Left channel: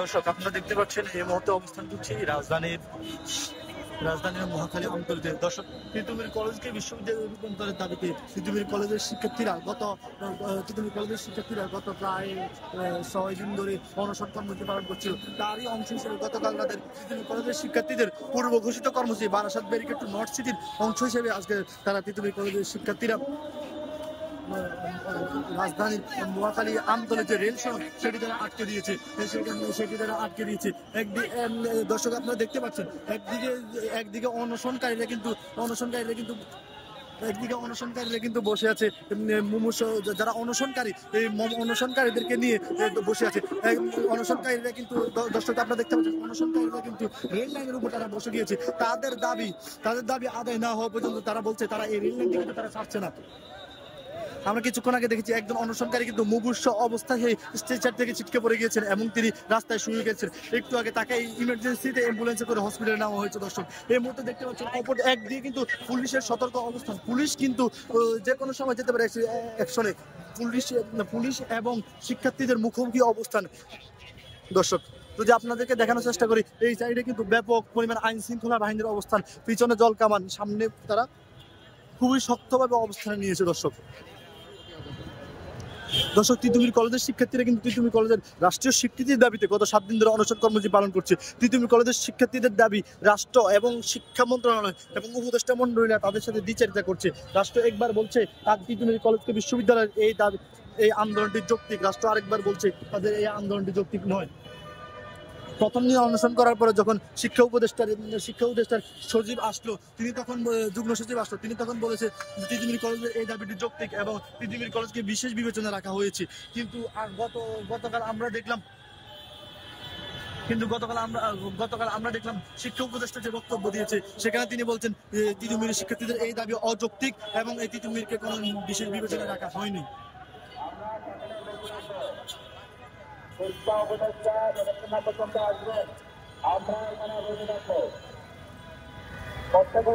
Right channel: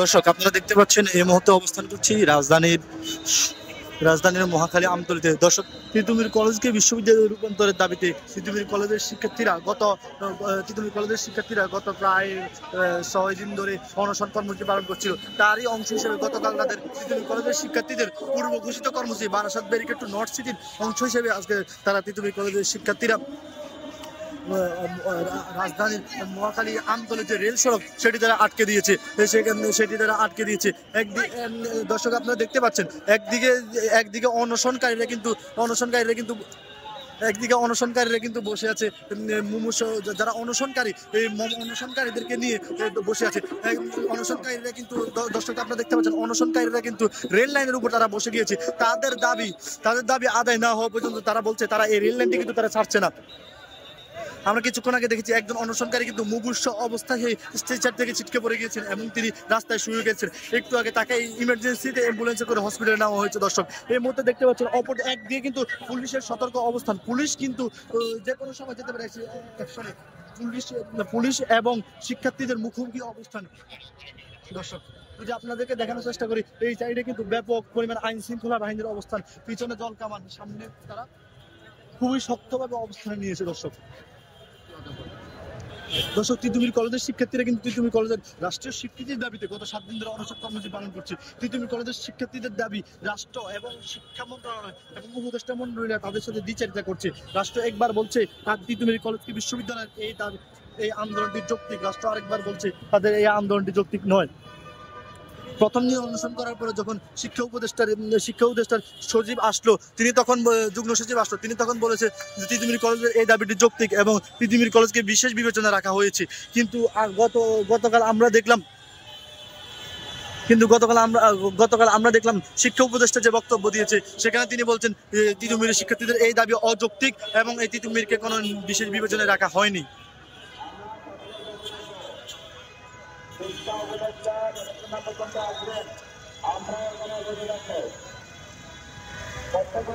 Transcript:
দর্শক আপনারা দেখতে পাচ্ছেন এই মুহূর্তে অবস্থান করছি রাজধানীর মহাখালী আমতলীতে। দর্শক, তিতুমির কলেজকে বিশ্ববিদ্যালয়ে রূপান্তরের দাবিতে তিতুমির কলেজের শিক্ষার্থীরা গত প্রায় 6 দিন ধরে অনশন কর্মসূচি পালন করছিল। তারই অংশ হিসেবে গতকাল তাদের তিতুমির কলেজের শিক্ষার্থীদের পূর্ব ঘোষিত কর্মসূচি বারাসাত ব্যারিকেড টু নর্থ সিটির অংশ হিসেবে আজকে তারা তিতুমির কলেজের শিক্ষার্থীরা রাজধানীর মহাখালী আমতলী যে রেল সড়ক সেটি তারা আটকে দিয়েছে। দর্শক আপনারা দেখতে পাচ্ছেন একদিকে অনশনকারীরা কিন্তু বসে আছে। যারা অনশনকারী এই অনশনকারীদেরকে নিয়ে বসে আছে। অনশনকারীরা কিন্তু দর্শক আপনারা দেখতে পাচ্ছেন অনশনকারীরা কিন্তু রেল লাইনের উপর তারা বসে গিয়েছে। তাদের দাবি আদায় না হওয়া পর্যন্ত তারা বলছে তারা এই রেল লাইনটি কিন্তু তারা ছাড়ছে না। আমরা কিছুক্ষণ আগে দেখেছি একজন অনশনকারী কিন্তু মুমূর্ষু অবস্থায় স্ট্রেচার থেকে ছিটকে পড়ে গিয়েছেন এবং তিনি রাস্তায় শুয়ে গেছেন। একটু আগে তাকে ইমার্জেন্সিতে অ্যাম্বুলেন্সে করে হসপিটালে নেওয়া হয়েছে। দর্শক, এই মুহূর্তে দেখতে পাচ্ছেন অপর একদিকে কিন্তু পুলিশের সতর্ক অবস্থান। পুলিশ কিন্তু যে কোনো সময় যেতে পারে অ্যাকশনে। পুলিশ এবং শিক্ষার্থীদের মুখোমুখি অবস্থান। দর্শক, যদি আপনাদেরকে দেখানোর চেষ্টা করি, এই সাইডে কিন্তু ব্যাপক পরিমাণ আইন শৃঙ্খলা বাহিনীর অবস্থান, পিছনে জল কামান, সামনে তারা খুবই শক্তভাবে অবস্থানে নিয়েছে। দর্শক, তিতুমির কলেজের শিক্ষার্থীরা কিন্তু তিতুমির কলেজের রাষ্ট্রীয় স্বীকৃতির দাবিতে গত 7 দিন ধরে অনশন কর্মসূচি পালন করছে। তিতুমির কলেজের শিক্ষার্থীদের দাবি রাষ্ট্র এবং শিক্ষা মন্ত্রণালয় এবং উপদেষ্টা মন্ডলীরা তাদের সাথে দ্বিচারিতা করছে। রাষ্ট্র একবার বলছে তার তিতুমির কলেজকে বিশ্ববিদ্যালয়ের এই আন্দোলনটি যৌক্তিক, রাষ্ট্র আরেকবার বলছে তাদের এই আন্দোলনটি যৌক্তিক নয়। প্রথম দিন অনশন করার পরে যখন শিক্ষা উপদেষ্টার সচিব আসলো, যুগ্ম সচিব আসলো, তিনি তখন বলেছে যে তিতুমির কলেজের এই দাবিটি যৌক্তিক এবং তিতুমির কলেজকে বিশেষ বিবেচনা রাখা হয়েছে। কিন্তু গতকাল আমরা দেখলাম শিক্ষা উপদেষ্টা যে বক্তব্য দিয়েছে সেখানে তিনি বলছেন তিতুমির শিক্ষার্থীদের এই দাবি অযৌক্তিক এবং এই তিতুমিরকে কোনো বিশেষ বিবেচনায় রাখা হয়নি। শিক্ষা উপদেষ্টা আসবেন, আমরা বক্তব্য